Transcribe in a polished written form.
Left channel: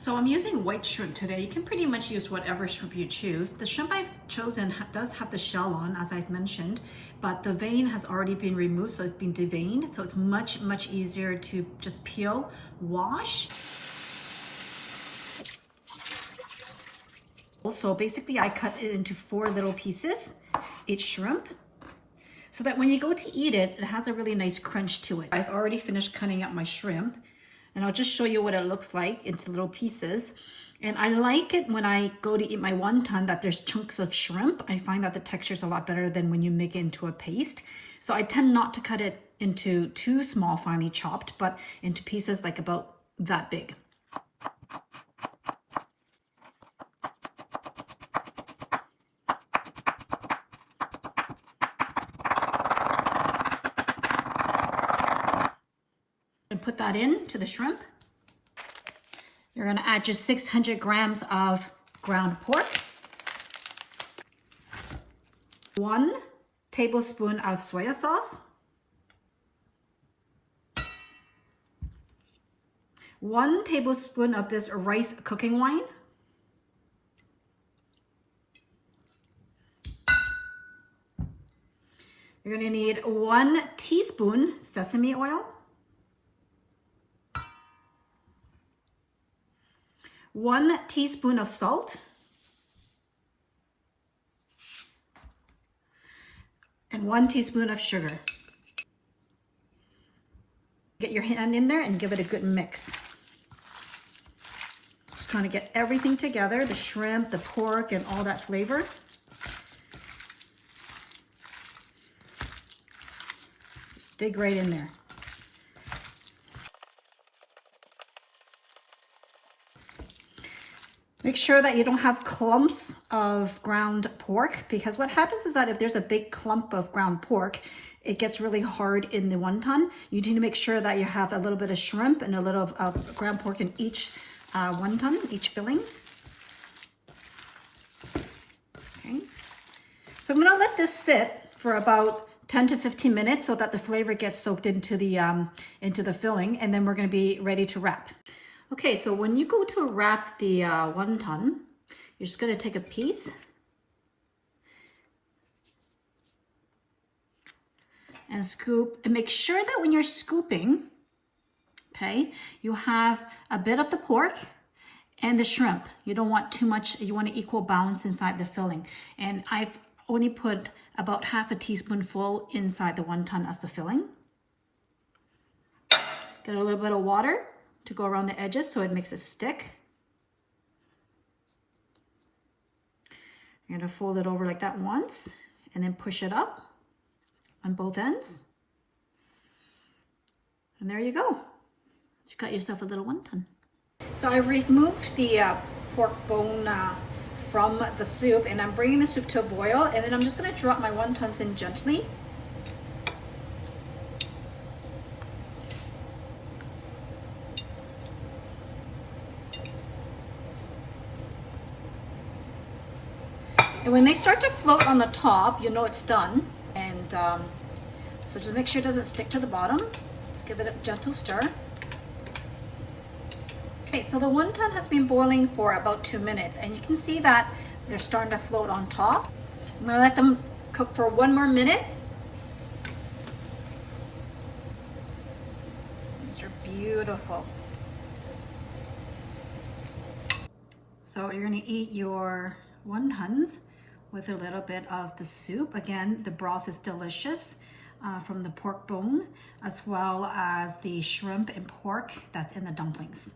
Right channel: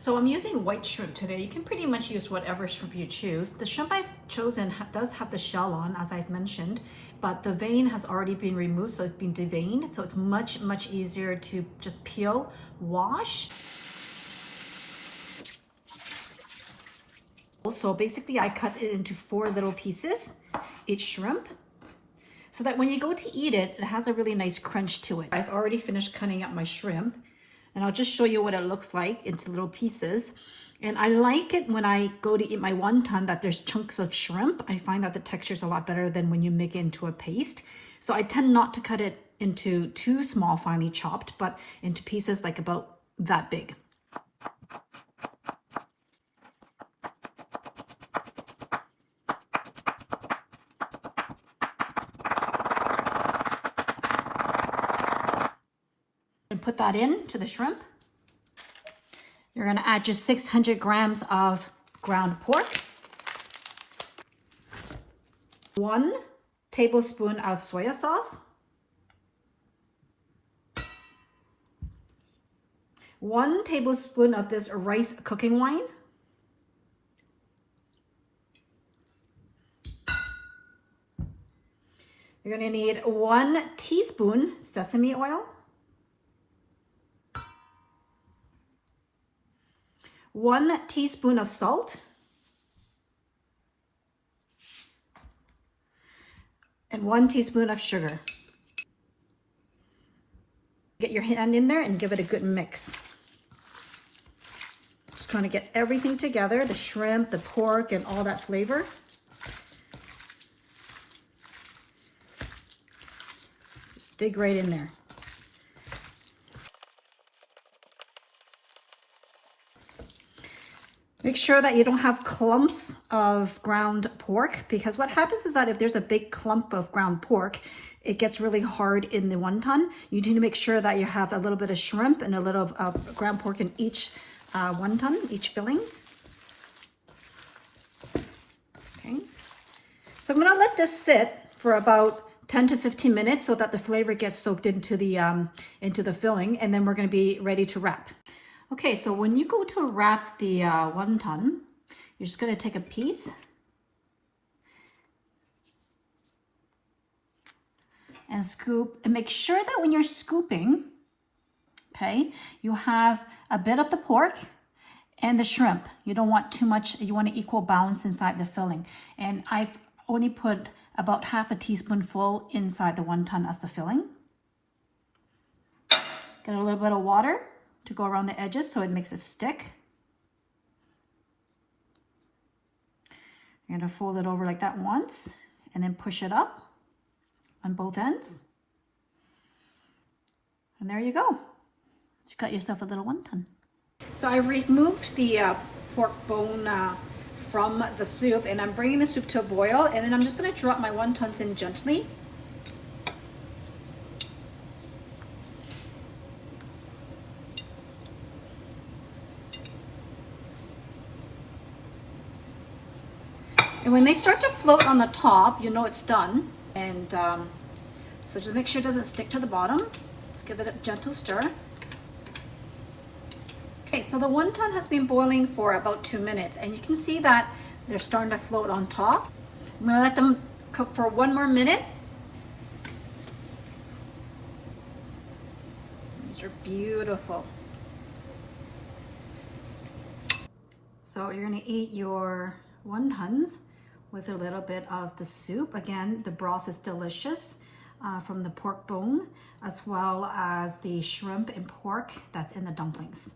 So I'm using white shrimp today. You can pretty much use whatever shrimp you choose. The shrimp I've chosen does have the shell on, as I've mentioned, but the vein has already been removed, so it's been deveined. So it's much, much easier to just peel, wash. So basically I cut it into 4 little pieces, each shrimp, so that when you go to eat it, it has a really nice crunch to it. I've already finished cutting up my shrimp, and I'll just show you what it looks like into little pieces. And I like it when I go to eat my wonton that there's chunks of shrimp. I find that the texture is a lot better than when you make it into a paste. So I tend not to cut it into too small, finely chopped, but into pieces like about that big. And put that in to the shrimp. You're going to add your 600 grams of ground pork, 1 tablespoon of soy sauce, 1 tablespoon of this rice cooking wine, you're going to need 1 teaspoon sesame oil, 1 teaspoon of salt, and 1 teaspoon of sugar. Get your hand in there and give it a good mix. Just trying to get everything together, the shrimp, the pork, and all that flavor. Just dig right in there. Make sure that you don't have clumps of ground pork, because what happens is that if there's a big clump of ground pork, it gets really hard in the wonton. You need to make sure that you have a little bit of shrimp and a little of ground pork in each wonton, each filling. Okay. So I'm going to let this sit for about 10 to 15 minutes so that the flavor gets soaked into the filling, and then we're going to be ready to wrap. Okay, so when you go to wrap the wonton, you're just going to take a piece and scoop, and make sure that when you're scooping, okay, you have a bit of the pork and the shrimp. You don't want too much, you want an equal balance inside the filling. And I've only put about half a teaspoonful inside the wonton as the filling. Get a little bit of water to go around the edges so it makes it stick. You're going to fold it over like that once and then push it up on both ends. And there you go. You got yourself a little wonton. So I've removed the pork bone from the soup, and I'm bringing the soup to a boil, and then I'm just going to drop my wontons in gently. And when they start to float on the top, you know it's done. And so just make sure it doesn't stick to the bottom. Let's give it a gentle stir. Okay, so the wonton has been boiling for about 2 minutes, and you can see that they're starting to float on top. I'm gonna let them cook for 1 more minute. These are beautiful. So you're gonna eat your wontons with a little bit of the soup. Again, the broth is delicious from the pork bone, as well as the shrimp and pork that's in the dumplings.